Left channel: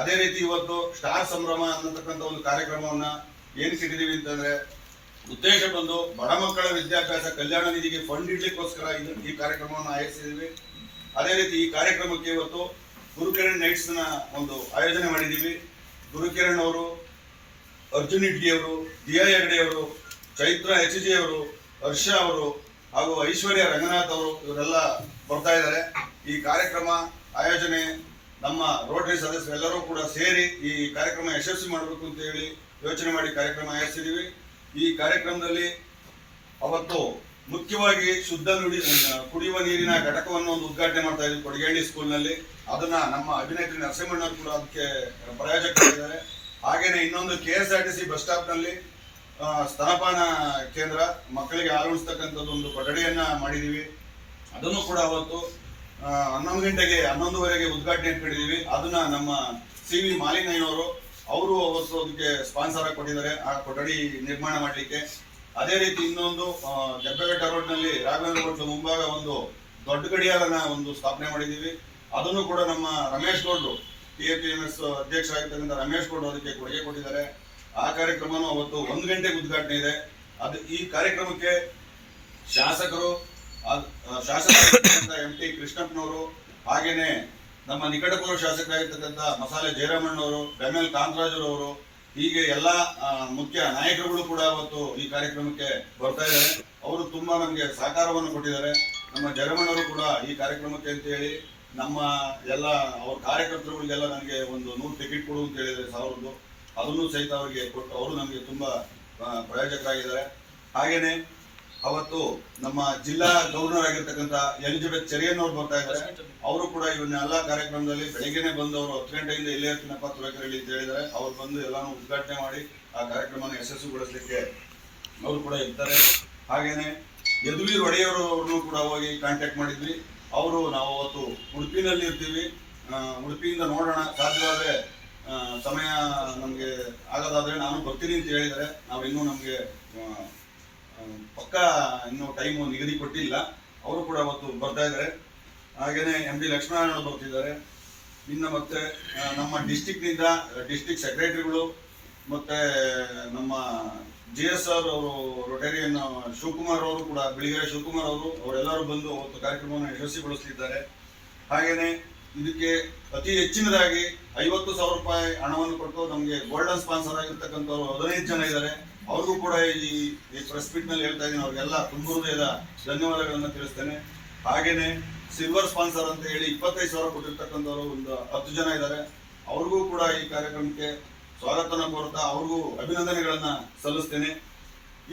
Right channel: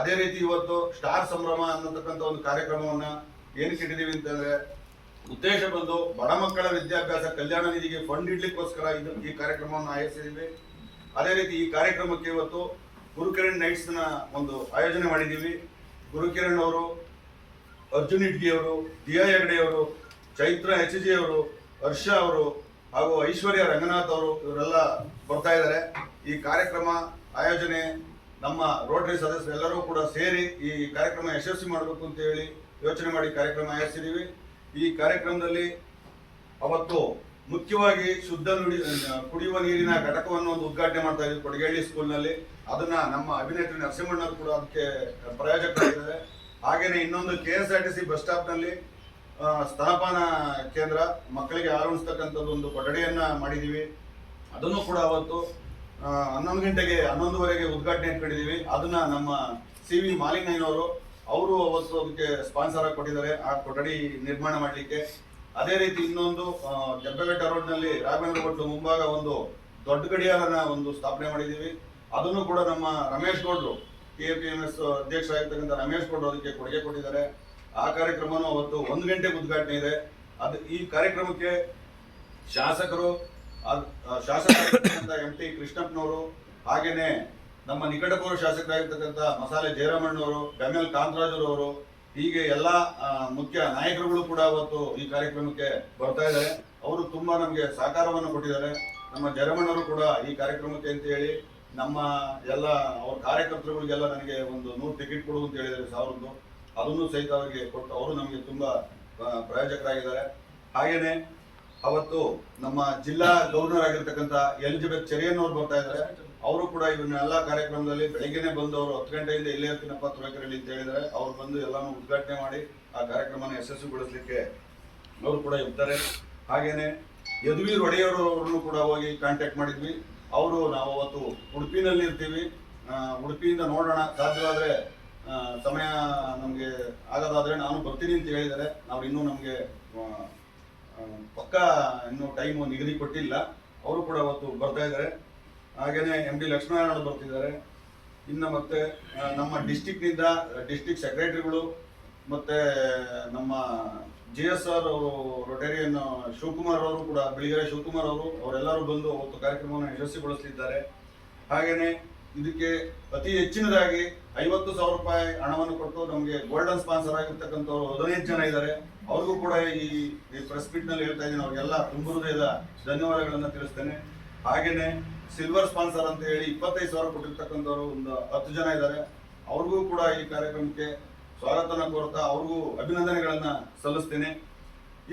ಅದೇ ರೀತಿ ಇವತ್ತು ಸ್ಟಾರ್ ಸಂಭ್ರಮ ಅನ್ನತಕ್ಕಂಥ ಒಂದು ಕಾರ್ಯಕ್ರಮವನ್ನ ಏನಕ್ಕೆ ಇಟ್ಟಿದ್ದೀವಿ ಅಂತಂದ್ರೆ ಉದ್ದೇಶ ಬಂದು ಬಡ ಮಕ್ಕಳ ವಿದ್ಯಾಭ್ಯಾಸ ಕಲ್ಯಾಣ ನಿಧಿಗೆ ಫಂಡ್ ಇಡ್ಲಿಕ್ಕೋಸ್ಕರ ಈ ಕಾರ್ಯಕ್ರಮವನ್ನು ಆಯೋಜಿಸಿದ್ದೀವಿ. ಅದೇ ರೀತಿ ಈ ಕಾರ್ಯಕ್ರಮಕ್ಕೆ ಇವತ್ತು ಗುರುಕಿರಣ್ ನೈಟ್ಸ್ ನ ಒಂದು ಆಯೋಜನೆ ಮಾಡಿದ್ದೀವಿ. ಗುರುಕಿರಣ್ ಅವರು, ಅರ್ಜುನ್ ಇಡ್ಗಿ ಅವರು, ದಿಯಾ ಹೆಗ್ಡೆ ಅವರು, ಚೈತ್ರ HG ಅವರು, ಹರ್ಷ ಅವರು ಹಾಗೂ ಐಶ್ವರ್ಯ ರಂಗನಾಥ್ ಅವರು ಇವರೆಲ್ಲ ಬರ್ತಾ ಇದ್ದಾರೆ. ಈ ಕಾರ್ಯಕ್ರಮ ಆಯೋಜನೆ ನಮ್ಮ ರೋಟರಿ ಸದಸ್ಯರೆಲ್ಲರೂ ಕೂಡ ಸೇರಿ ಈ ಕಾರ್ಯಕ್ರಮ ಯಶಸ್ವಿ ಮಾಡಬೇಕು ಅಂತ ಹೇಳಿ ಯೋಚನೆ ಮಾಡಿ ಕಾರ್ಯಕ್ರಮ ಆಯೋಜಿಸಿದ್ದೀವಿ. ಈ ಕಾರ್ಯಕ್ರಮದಲ್ಲಿ ಅವತ್ತು ಮುಖ್ಯವಾಗಿ ಶುದ್ಧ ಕುಡಿಯುವ ನೀರಿನ ಘಟಕವನ್ನು ಒಂದು ಉದ್ಘಾಟನೆ ಮಾಡ್ತಾ ಇದ್ವಿ ಕೊಡಗೇಹಳ್ಳಿ ಸ್ಕೂಲ್ನಲ್ಲಿ. ಅದನ್ನ ನಮ್ಮ ಅಭಿನೇತ್ರಿ ನರಸಿಂಹಣ್ಣವರು ಕೂಡ ಅದಕ್ಕೆ ಪ್ರಾಯೋಜಕರಾಗಿದ್ದಾರೆ. ಹಾಗೇನೆ ಇನ್ನೊಂದು KSRTC ಬಸ್ ಸ್ಟಾಪ್ ನಲ್ಲಿ ಸ್ತನಪಾನ ಕೇಂದ್ರ, ಮಕ್ಕಳಿಗೆ ಹಾಲು ಉಣಿಸ್ತಕ್ಕಂಥದ್ದು ಒಂದು ಕೊಠಡಿಯನ್ನ ಮಾಡಿದೀವಿ. ಅದನ್ನು ಕೂಡ ಅವತ್ತು 11 ಗಂಟೆಗೆ 11:30ಗೆ ಉದ್ಘಾಟನೆ ಇಟ್ಕೊಂಡಿದ್ದೀವಿ. ಅದನ್ನ ನಮ್ಮ CV ಮಾಲಿಂಗಯ್ಯನವರು ಅವರು ಅವತ್ತು ಅದಕ್ಕೆ ಸ್ಪಾನ್ಸರ್ ಆಗಿ ಕೊಟ್ಟಿದ್ದಾರೆ ಆ ಕೊಠಡಿ ನಿರ್ಮಾಣ ಮಾಡಲಿಕ್ಕೆ. ಅದೇ ರೀತಿ ಇನ್ನೊಂದು ಕೆಂಪೇಗೌಡ ರೋಡ್ ನಲ್ಲಿ ರಾಘವೇಂದ್ರ ಹೋಟ್ಲು ಮುಂಭಾಗ ಒಂದು ದೊಡ್ಡ ಗಡಿಯಾರನ ಒಂದು ಸ್ಥಾಪನೆ ಮಾಡಿದ್ದೀವಿ. ಅದನ್ನು ಕೂಡ ನಮ್ಮ ರಮೇಶ್ ಗೌಡ್ರು KPMS ಅಧ್ಯಕ್ಷರಾಗಿರ್ತಕ್ಕಂಥ ರಮೇಶ್ ಗೌಡ್ರು ಅದಕ್ಕೆ ಕೊಡುಗೆ ಕೊಟ್ಟಿದ್ದಾರೆ. ಆ ಕಾರ್ಯಕ್ರಮನೂ ಅವತ್ತು 1 ಗಂಟೆಗೆ ಉದ್ಘಾಟನೆ ಇದೆ. ಈ ಕಾರ್ಯಕ್ರಮಕ್ಕೆ ಶಾಸಕರು MT ಕೃಷ್ಣಪ್ಪನವರು, ಹಾಗೇನೆ ನಮ್ಮ ನಿಕಟಪೂರ್ವ ಶಾಸಕರಾಗಿರ್ತಕ್ಕಂಥ ಮಸಾಲೆ ಜಯರಾಮಣ್ಣವರು, ಬೆಮ್ಮೆಲ್ ಕಾಂತರಾಜರವರು, ಹೀಗೆ ಎಲ್ಲ ಮುಖ್ಯ ನಾಯಕರುಗಳು ಕೂಡ ಅವತ್ತು ಈ ಕಾರ್ಯಕ್ರಮಕ್ಕೆ ಬರ್ತಾ ಇದ್ದಾರೆ. ಅವರು ತುಂಬಾ ನಮಗೆ ಸಹಕಾರವನ್ನು ಕೊಟ್ಟಿದ್ದಾರೆ. ನಮ್ಮ ಜಯರಾಮಣ್ಣವರು ಕೂಡ ಈ ಕಾರ್ಯಕ್ರಮಕ್ಕೆ ಅಂತ ಹೇಳಿ ನಮ್ಮ ಎಲ್ಲ ಅವ್ರ ಕಾರ್ಯಕರ್ತರುಗಳಿಗೆಲ್ಲ ನನಗೆ ಒಂದು 100 ಟಿಕೆಟ್ ಕೊಡು ಅಂತ ಹೇಳಿದ್ದಾರೆ, 1000. ಅದನ್ನು ಸಹಿತ ಅವರಿಗೆ ಕೊಟ್ಟು ಅವರು ನಮಗೆ ತುಂಬಾ ಪ್ರಾಯೋಜಕರಾಗಿದ್ದಾರೆ. ಹಾಗೇನೆ ಅವತ್ತು ನಮ್ಮ ಜಿಲ್ಲಾ ಗವರ್ನರ್ ಆಗಿರ್ತಕ್ಕಂಥ ಎಲಿಜಬೆತ್ ಚೆರಿಯನ್ ಅವರು ಬರ್ತಾ ಇದ್ದಾರೆ. ಅವರು ಕೂಡ ಇವನ್ನೆಲ್ಲ ಕಾರ್ಯಕ್ರಮದಲ್ಲಿ ಬೆಳಗ್ಗೆನೆ ಬಂದು ಅವರು 10 ಗಂಟೆಯಿಂದ ಇಲ್ಲೇ ಇರ್ತೀನಪ್ಪ ತುಳಕೆರೆಯಲ್ಲಿ ಅಂತ ಹೇಳಿದ್ದಾರೆ. ಅವ್ರು ಬಂದು ಎಲ್ಲಾನು ಉದ್ಘಾಟನೆ ಮಾಡಿ ಆ ಕಾರ್ಯಕ್ರಮನ ಯಶಸ್ವಿಗೊಳಿಸಲಿಕ್ಕೆ ಅವರು ಕೂಡ ಇರ್ತಾರೆ. ಹಾಗೇನೆ ಯದುವೀರ್ ಒಡೆಯರವ್ರನ್ನು ಕೂಡ ಹೋಗಿ ಕಾಂಟ್ಯಾಕ್ಟ್ ಮಾಡಿದ್ವಿ. ಅವರು ನಾವು ಅವತ್ತು ಉಡುಪಿನಲ್ಲಿ ಇರ್ತೀವಿ, ಉಡುಪಿಯಿಂದ ನೋಡೋಣ, ಸಾಧ್ಯವಾದ್ರೆ ಸಮಯ ನಮಗೆ ಆಗೋದಾದ್ರೆ ನಾನು ಬರ್ತೀನಿ ಅಂತ ಹೇಳಿದ್ದಾರೆ. ನಾವು ಇನ್ನೂ ನಮಗೆ ಪಕ್ಕ ಇನ್ನೂ ಟೈಮು ನಿಗದಿ ಕೊಟ್ಟಿಲ್ಲ. ಅವರು ಕೂಡ ಅವತ್ತು ಬರ್ತಾ ಇದ್ದಾರೆ. ಹಾಗೇನೆ MD ಲಕ್ಷ್ಮೀನಾರಾಯಣ ಬರ್ತಿದ್ದಾರೆ. ಇನ್ನು ಮತ್ತೆ ನಮ್ಮ ಡಿಸ್ಟಿಕ್ನಿಂದ ಡಿಸ್ಟಿಕ್ ಸೆಕ್ರೆಟರಿಗಳು ಮತ್ತೆ ನಮ್ಮ GSR ಅವರು, ರೊಟೇರಿಯನ್ ಶಿವಕುಮಾರ್ ಅವರು ಕೂಡ, ಬಿಳಿಗೆರೆ ಶಿವಕುಮಾರ್ ಅವರು, ಅವರೆಲ್ಲರೂ ಬಂದು ಅವತ್ತು ಕಾರ್ಯಕ್ರಮವನ್ನು ಯಶಸ್ವಿಗೊಳಿಸಲಿದ್ದಾರೆ. ಹಾಗೇನೆ ಇದಕ್ಕೆ ಅತಿ ಹೆಚ್ಚಿನದಾಗಿ 50,000 ರೂಪಾಯಿ ಹಣವನ್ನು ಕೊಟ್ಟು ನಮಗೆ ಗೋಲ್ಡನ್ ಸ್ಪಾನ್ಸರ್ ಆಗಿರ್ತಕ್ಕಂಥವ್ರು 15 ಜನ ಇದ್ದಾರೆ. ಅವ್ರಿಗೂ ಕೂಡ ಈ ಪ್ರೆಸ್ ಮೀಟ್ ನಲ್ಲಿ ಹೇಳ್ತಾ ಇದ್ದೀನಿ, ಅವ್ರಿಗೆಲ್ಲ ತುಂಬ ಹೃದಯದ ಧನ್ಯವಾದಗಳನ್ನ ತಿಳಿಸ್ತೇನೆ. ಹಾಗೇನೆ ಸಿಲ್ವರ್ ಸ್ಪಾನ್ಸರ್ ಅಂತ ಹೇಳಿ 25,000 ಕೊಟ್ಟಿರ್ತಕ್ಕಂಥವ್ರು ಒಂದು 10 ಜನ ಇದ್ದಾರೆ. ಅವ್ರಿಗೂ ಕೂಡ ಈ ಕಾರ್ಯಕ್ರಮಕ್ಕೆ ಸ್ವಾಗತನ ಕೋರ್ತಾ ಅವ್ರಿಗೂ ಅಭಿನಂದನೆಗಳನ್ನ ಸಲ್ಲಿಸ್ತೇನೆ.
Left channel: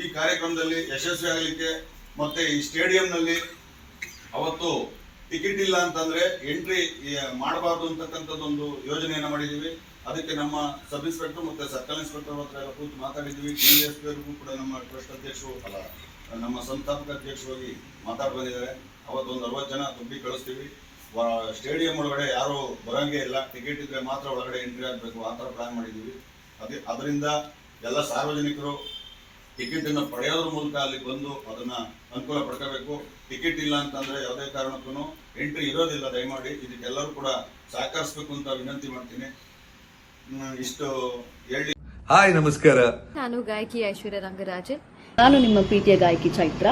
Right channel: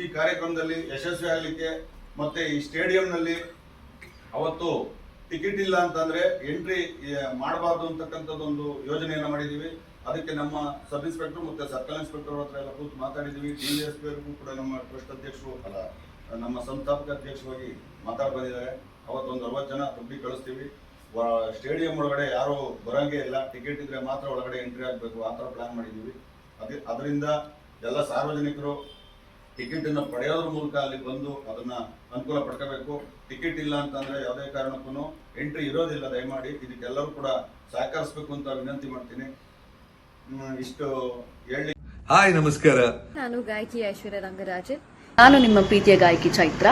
ಈ ಕಾರ್ಯಕ್ರಮದಲ್ಲಿ ಯಶಸ್ವಿ ಆಗಲಿಕ್ಕೆ ಮತ್ತೆ ಈ ಸ್ಟೇಡಿಯಂನಲ್ಲಿ ಅವತ್ತು ಟಿಕೆಟ್ ಇಲ್ಲ ಅಂತಂದ್ರೆ ಎಂಟ್ರಿ ಮಾಡಬಾರ್ದು ಅಂತಕ್ಕಂಥದ್ದೊಂದು ಯೋಜನೆಯನ್ನ ಮಾಡಿದೀವಿ. ಅದಕ್ಕೆ ನಮ್ಮ ಸಬ್ ಇನ್ಸ್ಪೆಕ್ಟರ್ ಮತ್ತೆ ಸರ್ಕಲ್ ಇನ್ಸ್ಪೆಕ್ಟರ್ ಹತ್ರ ಎಲ್ಲ ಕೂತು ಮಾತಾಡಿದ್ವಿ. DSP ಅವ್ರಿಗೂ ಕೂಡ ನಮ್ಮ ಟ್ರಸ್ಟ್ ಅಧ್ಯಕ್ಷರು ನಮ್ಮ ಸಂಸ್ಥಾಪಕ ಅಧ್ಯಕ್ಷರಾಗಿ ಮಾತಾಡಿ ಬಂದಿದ್ದಾರೆ. ಅವತ್ತೊಂದು 60 ಜನ ತುಂಬಿ ಕಳಿಸ್ತೀವಿ. ಸ್ಟೇಡಿಯಂ ಒಳಗಡೆ ಯಾರು ಬರಂಗೇ ಇಲ್ಲ, ಟಿಕೆಟ್ ಇದ್ರೆ ಮಾತ್ರ ಒಳಗಡೆ ಎಂಟ್ರಿ ಆಗಬೇಕು, ಆ ಥರ ಪ್ಲಾನ್ ಮಾಡಿದ್ದೀವಿ. ಅದರಿಂದ ಎಲ್ಲ ಸಾರ್ವಜನಿಕರು ಟಿಕೆಟ್ ಅನ್ನು ಪಡೆಯೋದ್ರ ಮೂಲಕ ಅಲ್ಲಿ ಬಂದು ಅದನ್ನ ಅನುಕೂಲ ಪಡ್ಕೋಬೇಕು. ಟಿಕೆಟ್ ಇಲ್ಲ ಅಂತಂದ್ರೆ ಯಾವುದೇ ಕಾರಣಕ್ಕೂ ಎಂಟ್ರಿ ಇರೋದಿಲ್ಲ. ದಯಮಾಡಿ ಇದಕ್ಕೆಲ್ಲರೂ ಕೂಡ ಸಹಕರಿಸಬೇಕು ಅಂತ ವಿನಂತಿ ಮಾಡ್ತೀನಿ. ಇಷ್ಟು ಹೇಳಿ. ಹಾಯ್, ನಮಸ್ಕಾರ. ನಾನು ಗಾಯಕಿ ಐಶ್ವರ್ಯ ರಂಗರಾಜನ್. ನಾನು ನಿಮ್ಮ ಪ್ರೀತಿಯ ಗಾಯಕಿ ಚೈತ್ರ.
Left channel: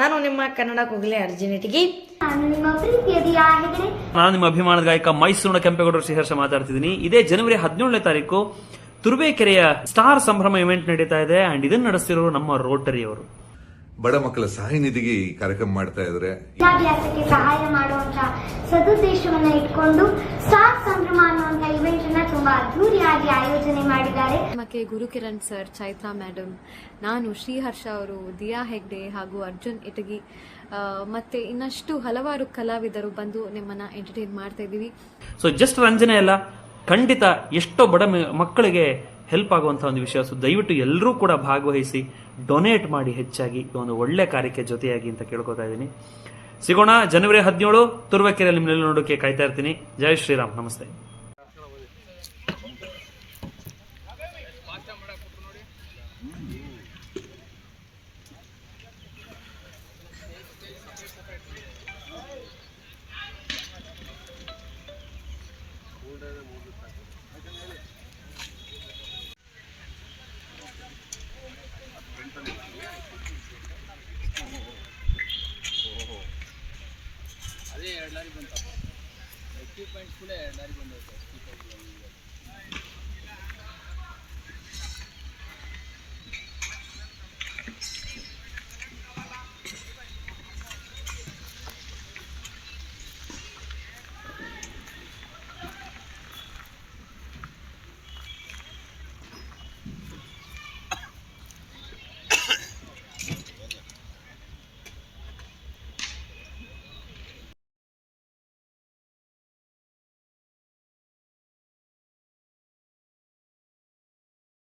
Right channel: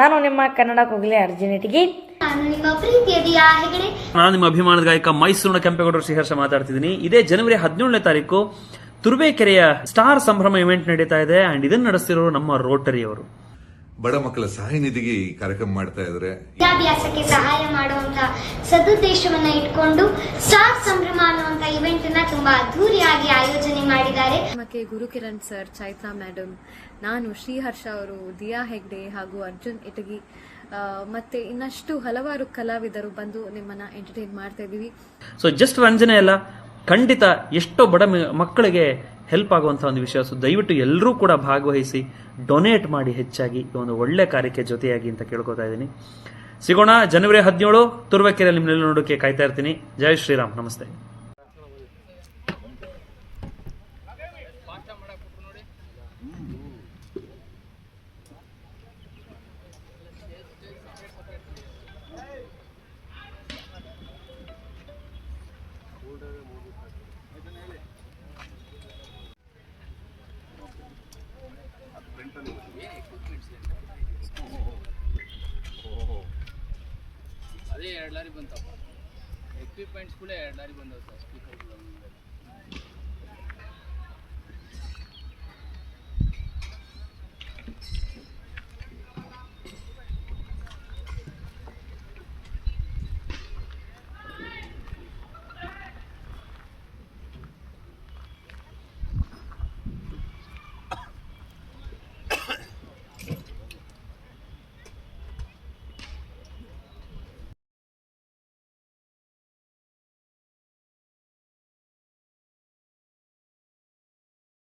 ನಾನು ನಿಮ್ಮ ಕನ್ನಡ ಕೋಗಿಲೆ ಅರ್ಜುನ್ ಇಟಗಿ. ನಾನು ನಿಮ್ಮ ಪ್ರೀತಿಯ ದಿಯಾ ಹೆಗಡೆ. ನಾನು ನಿಮ್ಮ ಅಭಿಮಾನದ ಗಾಯಕ ಮೈಸೂರಿನ ಕೆಂಪೇಗೌಡ ಶ್ರೀಹರ್ಷ ಮಾತಾಡ್ತಿದ್ದೀನಿ. ಇದೇ ಜನವರಿ 17ನೇ ತಾರೀಕು ತುರುವೇಕೆರೆಯ ಸ್ಟಾರ್ ಸಂಭ್ರಮ ಇವೆಂಟ್ ನಡೀತಾ ಇದೆ. ಅಂಡ್ ಇದನ್ನ ನಡೆಸ್ತಿರೋರು ನಮ್ಮ ರೋಟರಿ ಅವರು. ಬಡ ಮಕ್ಕಳ ಸಹಾಯ ನಿಧಿಗೆ ಈ ಕಾರ್ಯಕ್ರಮ ಮಾಡ್ತಾ ಇದ್ದಾರೆ. ವಿದ್ಯಾಭ್ಯಾಸಕ್ಕೆ ಸಹಾಯ ಮಾಡುವಂತಹ ಸದುದ್ದೇಶವನ್ನ ಇಟ್ಕೊಂಡು ಸ್ಟಾರ್ ಸಂಭ್ರಮ ಅನ್ನುವಂತ ಇವೆಂಟ್ ಅನ್ನ ತುಂಬಾ ಅದ್ದೂರಿಯಾಗಿ ಆಯೋಜನೆ ಮಾಡಿದ್ದಾರೆ. ಮತ್ತೆ ಗುರುಕಿರಣ್ ಸರ್, ಚೈತ್ರಾ ಮೇಡಮ್, ನಾನು, ಶ್ರೀಹರ್ಷ ಅವರು, ದಿಯಾ ಹೆಗ್ಡೆ ಹಾಗೂ ಅರ್ಜುನ್ ಇಟಗಿ ಮತ್ತೆ ಇನ್ನಷ್ಟು ಹಲವಾರು ಕಲಾವಿದರು ಬಂದು ನಿಮ್ಮನ್ನ ಎಂಟರ್ಟೈನ್ ಮಾಡ್ತಾ ಇದೀವಿ. ಸೊ ಜಸ್ಟ್ ರಂಜನೆ ಅಲ್ಲ, ಖಂಡಿತ ಎಷ್ಟೋ ಬಡ ಮಕ್ಕಳಿಗೆ ಹೆಲ್ಪ್ ಆಗುವಂಥ ಒಂದು ವಿಷಯ. ಸೊ ದಯವಿಟ್ಟು ಎಲ್ಲರೂ ಕೂಡ ಭಾಗವಹಿಸಿ ಡೊನೇಟ್ ಮಾಡಿ ಹೆಚ್ಚಾಗಿ ಈ ಒಂದು ಒಳ್ಳೆ ಕಾರ್ಯಕ್ಕೆ ಜೊತೆಯಾಗಿ ಅಂತ ಕೇಳ್ಕೊತಾ ಇದ್ದೀನಿ. ಸಿಗೋಣ ಜನವರಿ 17 ತುರುವೇಕೆರೆಯಲ್ಲಿ ನಿಮ್ಮನ್ನೆಲ್ಲ ನೋಡೋಕೆ ಕಾಯ್ತಾ ಇರ್ತೀನಿ. ಜೈ ಶ್ರೀರಾಮ್. ನಮಸ್ತೆ. ಲಾರಿ ಬಂತಪ್ಪ ಎಕ್ವಿಪ್ಮೆಂಟ್ಸ್ ಕೂಡ 2 ಲಾರಿ ಬಂದವು ಸರ್ 65